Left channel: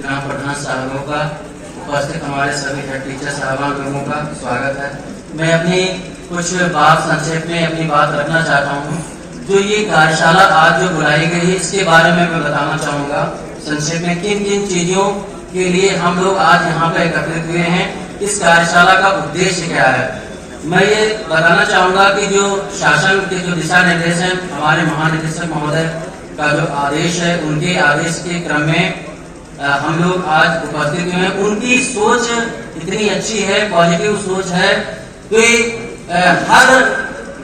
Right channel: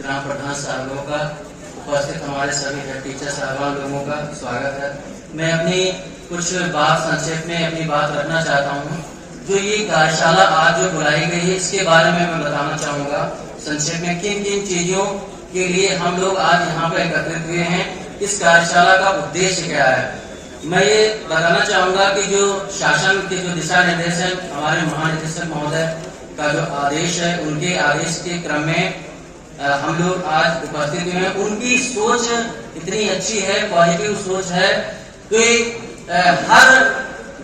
ग्राम प्रधान साहबों का, उपस्थित हमारे सभी हेड टीचर साहबान लोगों का स्वागत है। मैं अपनी कुछ बात संक्षेप में अपनी बात रखना चाहता हूँ। जो ये कार्यशाला आज जो बुलाई गई है इसके बारे में मैं बताना चाहूँगा संक्षेप में किन किन चीजों के लिए हम लोग आज यहाँ पे एकत्रित हुए हैं, इस कार्यशाला का उद्देश्य क्या है। मैं ये बताना चाहूँगा कि जो शासन के जो दिशा निर्देश है, हमारे महानिदेशक महोदय का जो आदेश है, उनके आदेश के क्रम में हम लोग आज उपस्थित हुए हैं। उनकी सोच इतनी अच्छी है, पॉजिटिव सोच है कि हर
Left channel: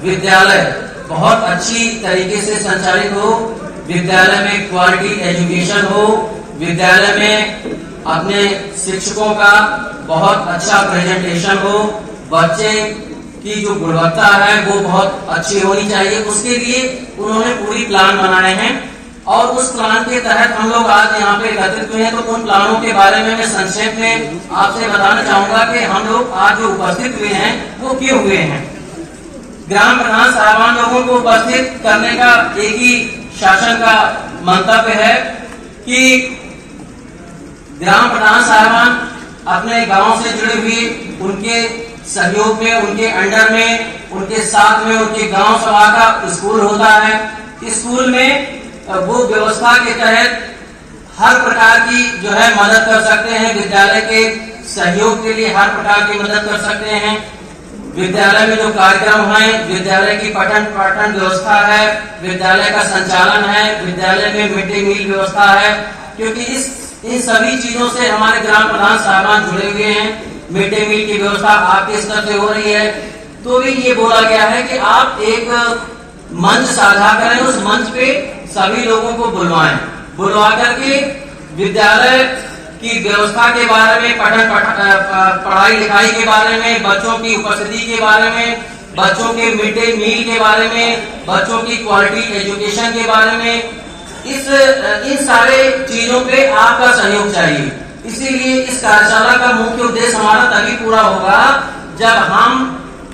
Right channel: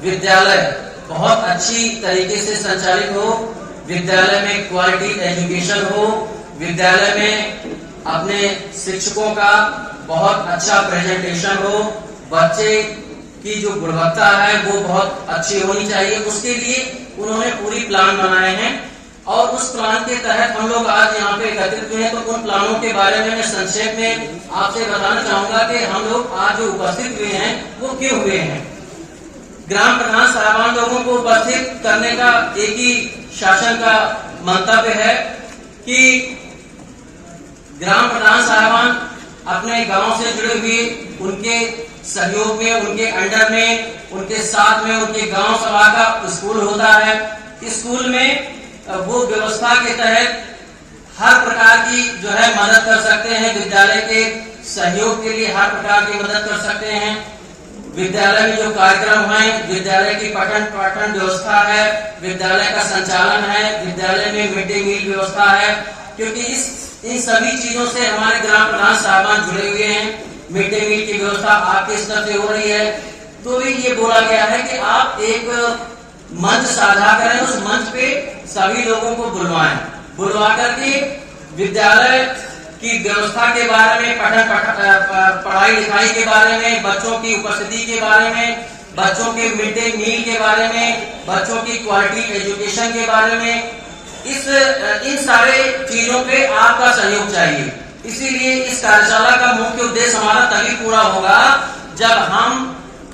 विद्यालय बहुत अच्छी तरीके से संचालित हो, विद्यालय में क्वालिटी एजुकेशन हो, विद्यालय में अपने शिक्षकों का बहुत अच्छा प्रेजेंटेशन हो, बच्चे की जो गुणवत्ता है वो बहुत अच्छी होनी चाहिए। उसके लिए उन्होंने पूरी प्लान बनाए हैं और उस प्लान के तहत हम लोग आज यहाँ पे एकत्रित हुए हैं। तो उन प्लानों के बारे में मैं संक्षेप में आपसे बताना चाहूंगा कि हम लोग आज जो उपस्थित हुए हैं वो क्यों हुए हैं। ग्राम प्रधान साहबान लोगों को उपस्थित करने का एक ही शासन का मंतव्य है कि ग्राम प्रधान साहबान अपने गांव से जुड़े हुए, उनके सहयोग में, उनके अंडर में, उनके साथ में उनके गांव सभा का स्कूल होता है। स्कूल में वो व्यवस्था के तहत हर प्रकार की जो है मदद कर सकते हैं, विद्यालय के सहयोग के लिए हर प्रकार की मदद कर सकते हैं। विद्यालय में जो कार्यक्रम है, विद्यालय की पठन पाठन व्यवस्था है, विद्यालय का संचालन है, विद्यालय में मिड डे मील व्यवस्था है, क्योंकि इन सभी चीजों से हमारे ग्राम प्रधान साहबान जुड़े हुए हैं। मिड डे मील की व्यवस्था आपके स्तर पे हो रही है, तो भी ये बोला गया है कि आप एक मंच साझा करें, उस मंच पे सभी लोगों को बुलवा करके विद्यालय की व्यवस्था के बारे में, पढ़ाई लिखाई के बारे में, बच्चों की उपस्थिति के बारे में, बच्चों के मिड डे मील के बारे में, बच्चों की क्वालिटी एजुकेशन के बारे में, इन सारे चीजों पे आपका सहयोग चाहिए। इसीलिए इस कार्यशाला का मुख्य उद्देश्य हमारा तभी पूरा होगा जब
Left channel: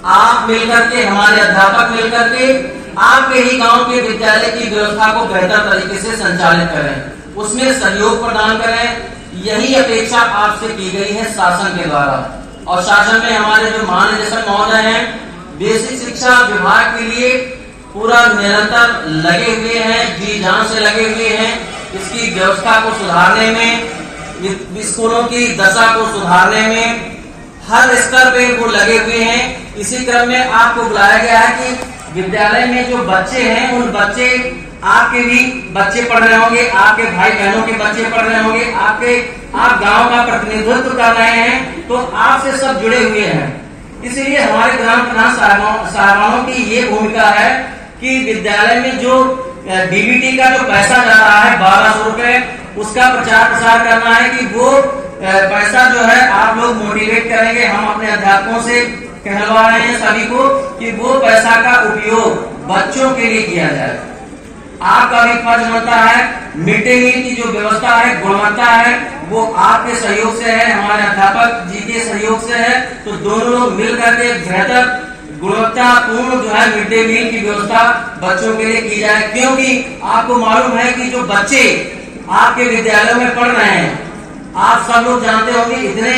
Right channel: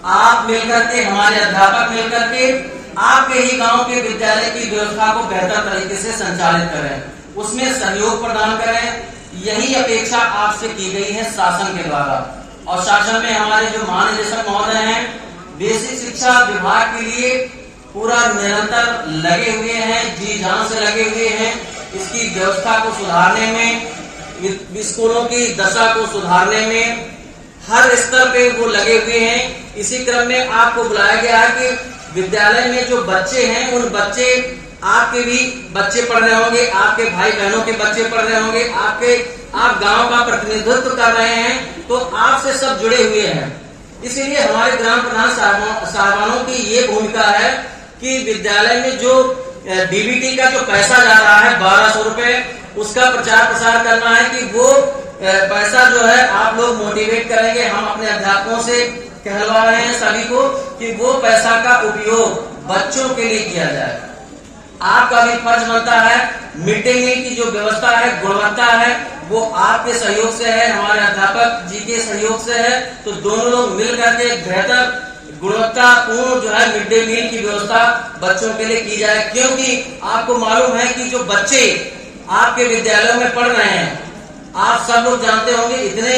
आप मिलकर के, हमारे अध्यापक मिलकर के आपके ही गांव के विद्यालय की व्यवस्था को बेहतर तरीके से संचालित करें, उसमें सहयोग प्रदान करें। यही अपेक्षा आपसे की गई है शासन के द्वारा। और शासन में हमारे जो महानिदेशक महोदय हैं, बेसिक शिक्षा विभाग के लिए पूरा निरंतर लगे हुए हैं, जी जान से लगे हुए हैं। इसकी व्यवस्था को सुधारने में, स्कूलों की दशा को सुधारने में हर स्तर पे वो लगे हुए हैं। इसी क्रम में आपको बुलाया गया है कि विद्यालय में जो बच्चे हैं, उन बच्चे, आपके भी बच्चे पढ़ रहे होंगे, आपके भाई बहनों के बच्चे पढ़ रहे होंगे, आप गांव का प्रतिनिधित्व कर रहे हैं, तो आपसे सब जुड़े हुए हैं। इसीलिए हमारे ग्राम प्रधान साहबानों की ये भूमिका है कि विद्यालय में जो डीबीटी का जो पैसा जा रहा है 1200 रुपए, उसका प्रचार प्रसार करना है कि वो पैसा जो है आप लोग मोटिवेट करेंगे। हम अपने अध्यापकों से कहलवा रहे हैं सभी को कि वो पैसा का उपयोग बच्चों के लिए किया जाए। आपका भी फर्ज बनता है, मिड डे मील की जो व्यवस्था है, गुणवत्ता है, वो आपके सहयोग से है, हमारे अध्यापक जी के सहयोग से है। तो दोनों लोग मिल करके बेहतर गुणवत्तापूर्ण जो है मिड डे मील की व्यवस्था बच्चों के लिए की जाए। क्योंकि आपको मालूम है कि जो बच्चे आपके विद्यालयों में पढ़ रहे हैं, आप सब लोग जानते होंगे, इतने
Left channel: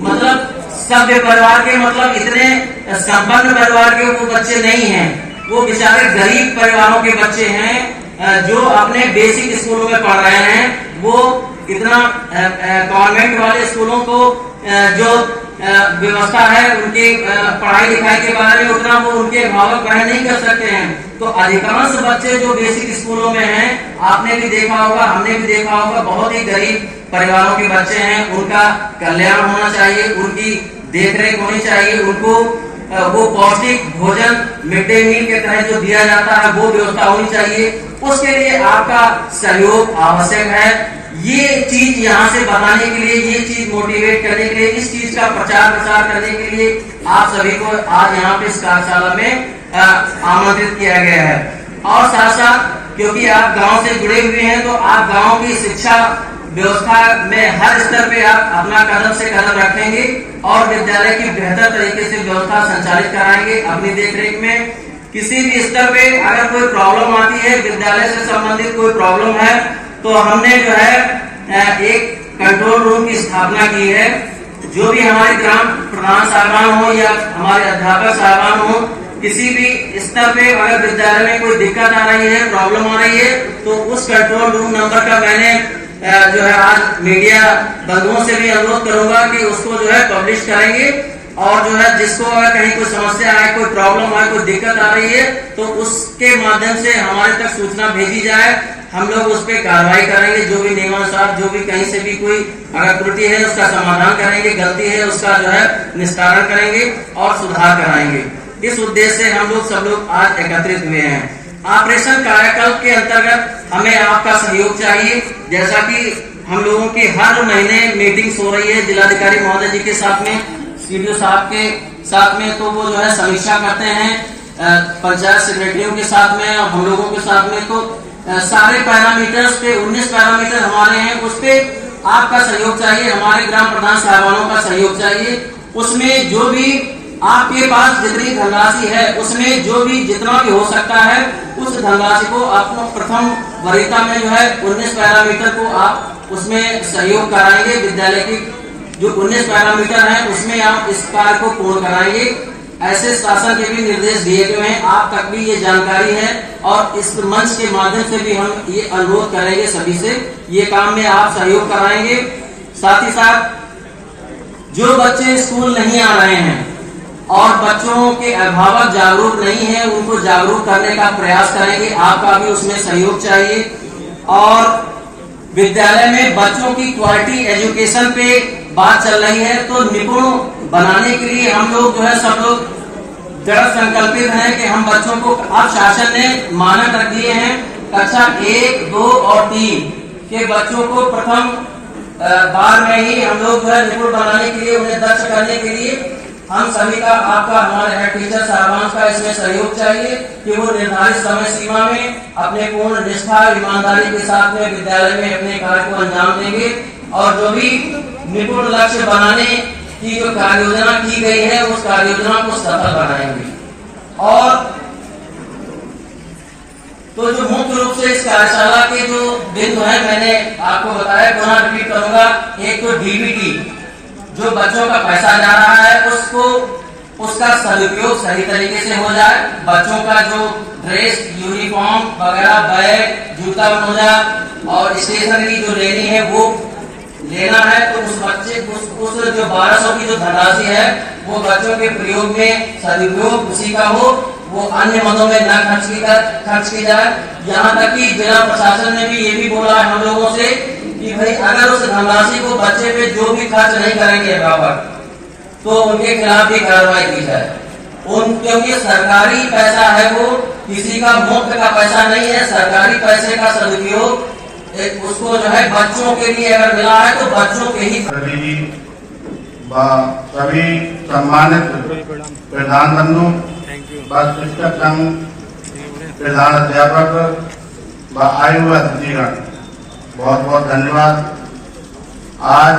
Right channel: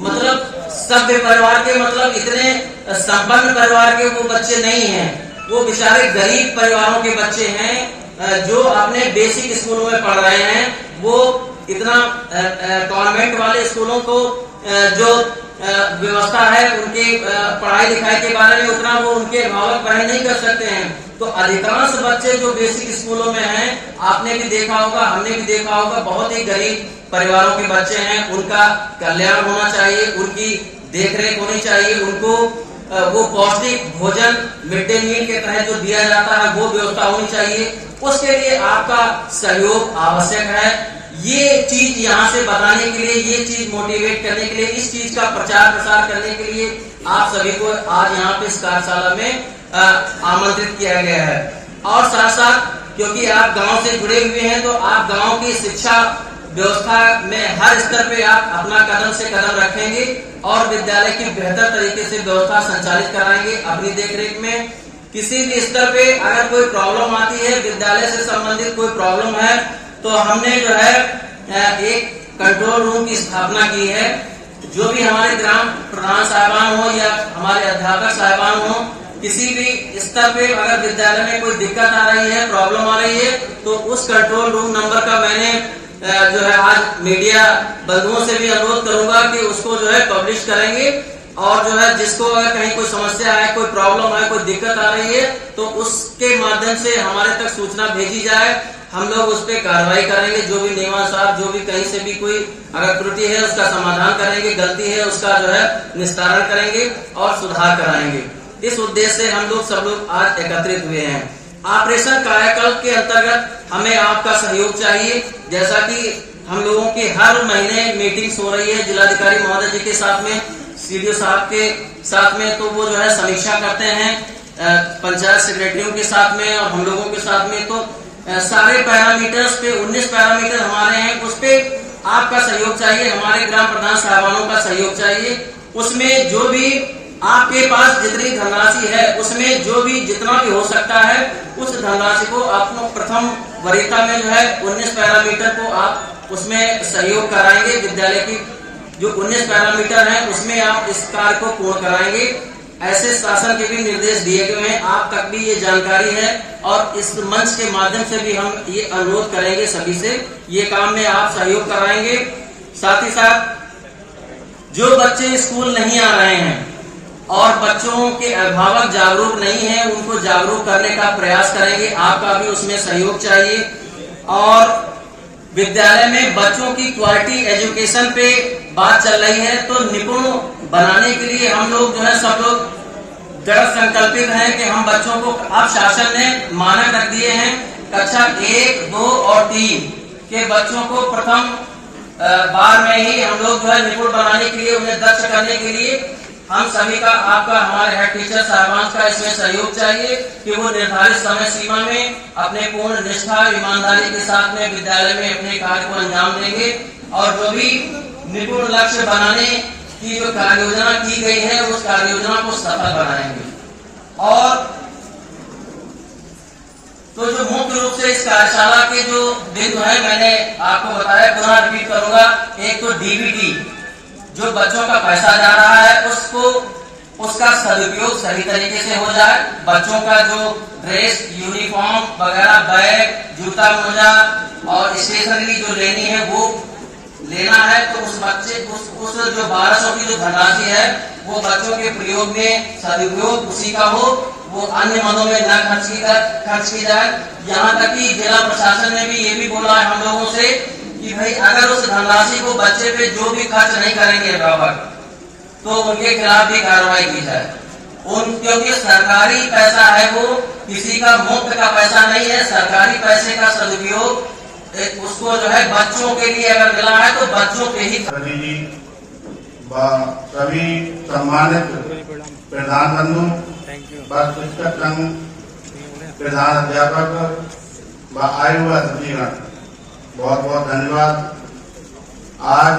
मतलब सभ्य परिवार के, मतलब इतने संपन्न परिवार के वो बच्चे नहीं हैं। वो बेचारे गरीब परिवारों के बच्चे हैं जो अपने बेसिक स्कूलों में पढ़ रहे हैं। वो इतना कॉन्वेंट वाले स्कूलों को जो व्यवस्था है, उनके पढ़ाई लिखाई के बारे में उतना वो उनके अभिभावक ग्रहण नहीं कर सकते हैं। तो अधिकांश बच्चे जो बेसिक स्कूलों में हैं, आपने भी देखा होगा, हमने भी देखा होगा, बहुत ही गरीब परिवारों के बच्चे हैं। उनका कल्याण होना चाहिए, उनकी देखरेख होनी चाहिए, उनको वो पौष्टिक भोजन मिड डे मील के तहत जो दिया जाता है वो व्यवस्था होनी चाहिए। उसके लिए आपका सहयोग आवश्यक है। ये चीज यहाँ से बताने के लिए, ये चीज मोटिवेट करने के लिए, इस चीज का प्रचार प्रसार करने के लिए आप सभी को आज यहाँ पे इस कार्यशाला में आमंत्रित किया गया है। और साथ साथ क्योंकि आप गांव से जुड़े हुए हैं, तो आप गांव की शिक्षा व्यवस्था में हर स्तर पे आप अपना कदम से कदम रखेंगे और विद्यालय की बेहतर तरीके से व्यवस्था संचालित कराएंगे अपनी देखरेख में। किसी भी स्तर पे अगर कोई प्रॉब्लम आती है, विद्यालय से संबंधित कोई प्रॉब्लम है, तो हमने जो है एक कंट्रोल रूम की स्थापना की है। जो भी हमारे ग्राम प्रधान साहबान हो या हमारे अध्यापक साहबान हो, किसी भी स्तर पे अगर विद्यालय में कोई दिक्कत आ रही है, प्रॉब्लम आ रही है, तो उस कंट्रोल रूम नंबर का मैंने जो है आज मीडिया बंधुओं से भी अनुरोध करूंगा कि उसको जो है पब्लिश करेंगे, और जो है जिसको अगर कहीं कोई समस्या है, कोई प्रॉब्लम है, कोई दिक्कत आ रही है, तो उसके माध्यम से हमारे तक सूचना भेजी जाए। हम लोग उस पर कार्रवाई करेंगे, जो भी नियमानुसार, जो भी कहीं से भी कोई अगर त्रुटि है उसका समाधान करेंगे, गलती है उसका जो है निस्तारण करेंगे और सुधार कराएंगे। इस उद्देश्य से हम लोग सब लोग आज एकत्रित हुए हैं। ऑपरेशन कायाकल्प के अंतर्गत हमें आपका सहयोग चाहिए। जैसा कि हम लोगों की हर महीने मीटिंग्स हो रही है जिलाधिकारी महोदय जी के साथ में, सीडीओ साहब के साथ में, तो वो जो है समीक्षा करते हैं पंचायत सेक्रेटरियों के साथ में और हम लोगों के साथ में। तो सारे पैरामीटर्स पे 19 पैरामीटर हमारे हैं, उस पे आपका सहयोग चाहिए, हमारे ग्राम प्रधान साहबानों का सहयोग चाहिए। उसमें जो भी आपके पास जितनी धनराशि है, उसमें जो भी जितना भी हो सकता है, उस धनराशि को आपको प्रथम वरीयता में जो है 19 पैरामीटर को आप उसमें सहयोग कराएंगे। विद्यालय की जो 19 पैरामीटर है उसमें आप इस कार्य को पूर्ण कराएंगे। ऐसे शासन के भी निर्देश दिए गए हैं, आप तक भी ये जानकारी है, और इस मंच के माध्यम से भी हम ये अनुरोध करेंगे सभी से, ये काम में आप सहयोग कराएंगे। साथ ही साथ जो बच्चे स्कूल नहीं आ रहे हैं और बच्चों के अभिभावक जागरूक नहीं है, उनको जागरूक करने का प्रयास करेंगे, आपका भी उसमें सहयोग चाहिए। और विद्यालय में बच्चों की क्वालिटी एजुकेशन पे बात चल रही है, तो निपुण बनाने के लिए हम लोग जो है सब लोग दृढ़ संकल्पित हैं कि हम बच्चों को, अब शासन ने मानक रख दिए हैं, कक्षा 1, 2 और 3 के बच्चों को प्रथम बार में ही हम लोग जो है निपुण बनाने के लिए, उन्हें दक्ष करने के लिए हम सभी का, आपका, हमारे हेड टीचर साहबान का इसमें सहयोग चाहिए कि वो निर्धारित समय सीमा में अपने पूर्ण निष्ठा, ईमानदारी के साथ में विद्यालय में अपने कार्य को अंजाम देंगे, और जो भी निपुण लक्ष्य बनाने की जो कार्य योजना की गई है उस कार्य योजना को सफल बनाएंगे। और तो जो मुख्य रूप से इस कार्यशाला के जो बिंदु है मैंने आपको बताया, पुनः रिपीट करूंगा। एक तो डीबीटी, जो बच्चों का पैसा जा रहा है उसको, उसका सदुपयोग सही तरीके से हो जाए। बच्चों का जो ड्रेस, यूनिफॉर्म वगैरह, बैग, जूता मोजा और स्टेशनरी जो लेनी है वो लेना है, तो उस बच्चे उस जो 1200 की जो धनराशि है वो बच्चों के प्रयोग में सदुपयोग उसी का हो, वो अन्य मदों में न खर्च की जाए। यहाँ तक कि जिला प्रशासन ने भी ये भी बोला है हम लोगों से कि भाई अगर उस धनराशि को बच्चे पे जो भी खर्च नहीं करेंगे अभिभावक, तो उनके खिलाफ भी कार्रवाई की जाए। क्योंकि सरकारी पैसा है, वो किसी का मुफ्त का पैसा नहीं है। सरकारी पैसे का सदुपयोग उसको जो है बच्चों के लिए अगर मिला है तो बच्चों के ही। सभी सम्मानित प्रधान बंधु, शिक्षक संघ प्रधान अध्यापक व आयु अतिथिगण, बहुत बहुत धन्यवाद। आज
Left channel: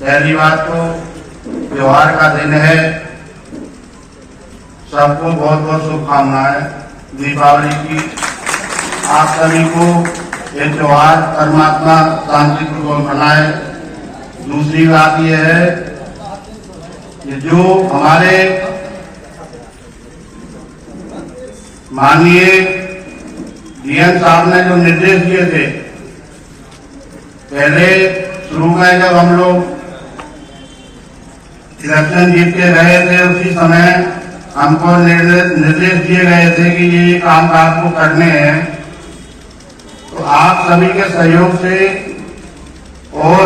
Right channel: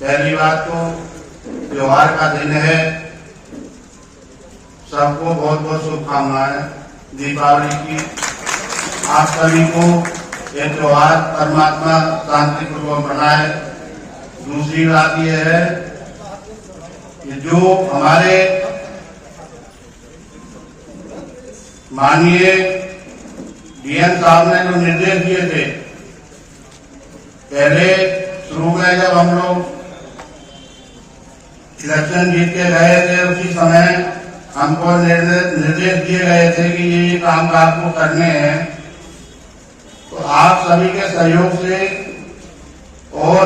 पहली बात तो त्योहार का दिन है, सबको बहुत बहुत शुभकामनाएं दीपावली की। आप सभी को ये त्योहार परमात्मा शांतिपूर्वक मनाए। दूसरी बात यह है कि जो हमारे माननीय डीएम साहब ने जो निर्देश दिए थे, पहले शुरू में जब हम लोग इलेक्शन जीत के रहे थे, उसी समय हमको निर्देश दिए गए थे कि ये काम आपको करने हैं। तो आप सभी के सहयोग से और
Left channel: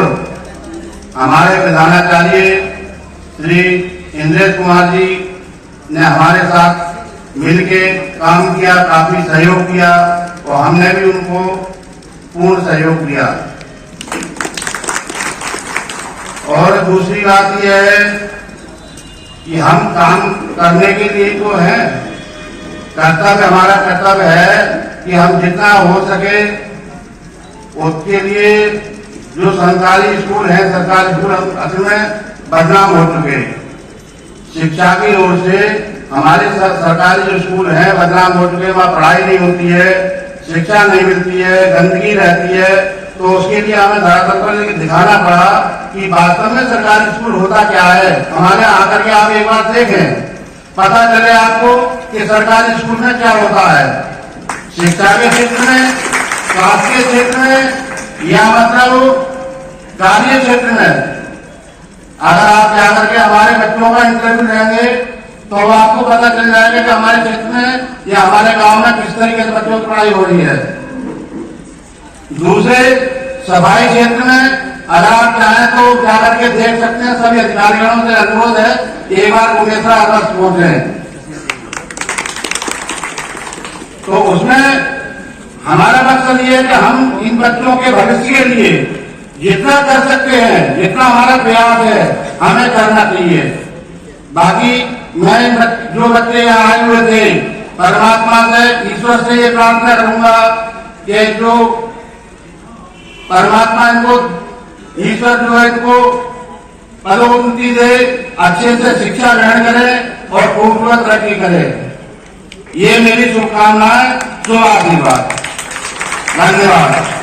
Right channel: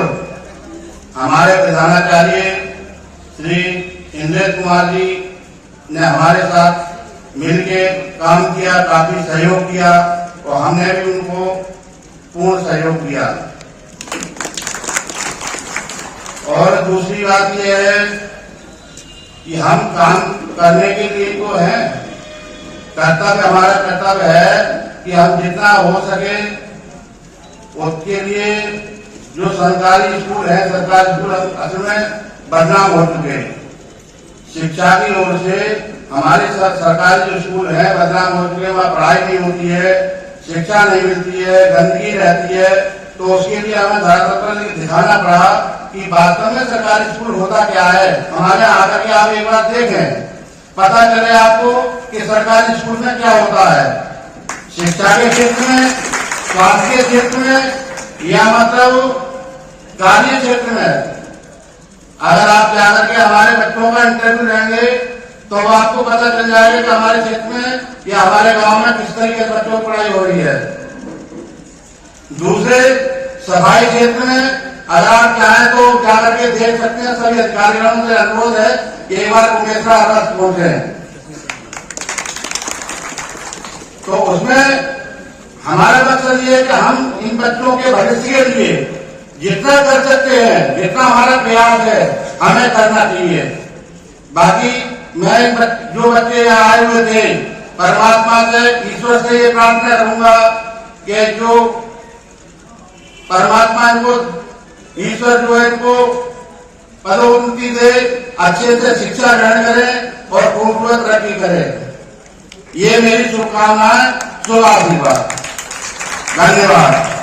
हमारे प्रधानाचार्य श्री इंद्रेश कुमार जी ने हमारे साथ मिलके काम किया, काफी सहयोग किया, और हमने भी उनको पूर्ण सहयोग दिया। और दूसरी बात यह है कि हम काम करने के लिए तो है, कर्तव्य, हमारा कर्तव्य है कि हम जितना हो सके उसके लिए जो सरकारी स्कूल है, सरकारी स्कूल असल में बदनाम हो चुके हैं। शिक्षा की ओर से हमारे सरकारी जो स्कूल है बदनाम हो चुके हैं, वहाँ पढ़ाई नहीं होती है, शिक्षा नहीं मिलती है, गंदगी रहती है, तो उसके लिए हमें धरातल पर दिखाना पड़ा कि वास्तव में सरकारी स्कूल होता क्या है। हमारे यहाँ आकर के आप एक बार देखें, पता चले आपको कि सरकारी स्कूल में क्या होता है, शिक्षा के क्षेत्र में, स्वास्थ्य के क्षेत्र में या मतलब कार्य क्षेत्र में। अगर आप जाकर के हमारे बच्चों का इंटरव्यू लेंगे तो आपको पता चल जाएगा कि हमारे क्षेत्र में या हमारे गांव में किस तरीके से बच्चों की पढ़ाई हो रही है। दूसरे सफाई क्षेत्र में अगर आप चाहें तो जाकर के देख सकते हैं। सभी अधिकारियों से अनुरोध है एक बार उड़ीसा अगस्त पहुंचे तो उसमें हमारा मकसद ये है कि हम इन बच्चों के भविष्य के लिए जितना कर सकते हैं, जितना हमारा प्रयास है हमें करना चाहिए। बाकी मैं जो बच्चे यहाँ आए हुए थे, परमात्मा से, ईश्वर से ये प्रार्थना करूंगा कि जो परमात्मा इनको, ईश्वर जो है इनको पदोन्नति दे, अच्छे से शिक्षा ग्रहण करे और खूब तरक्की करे। ये मेरी शुभकामनाएं, शुभ आशीर्वाद। धन्यवाद।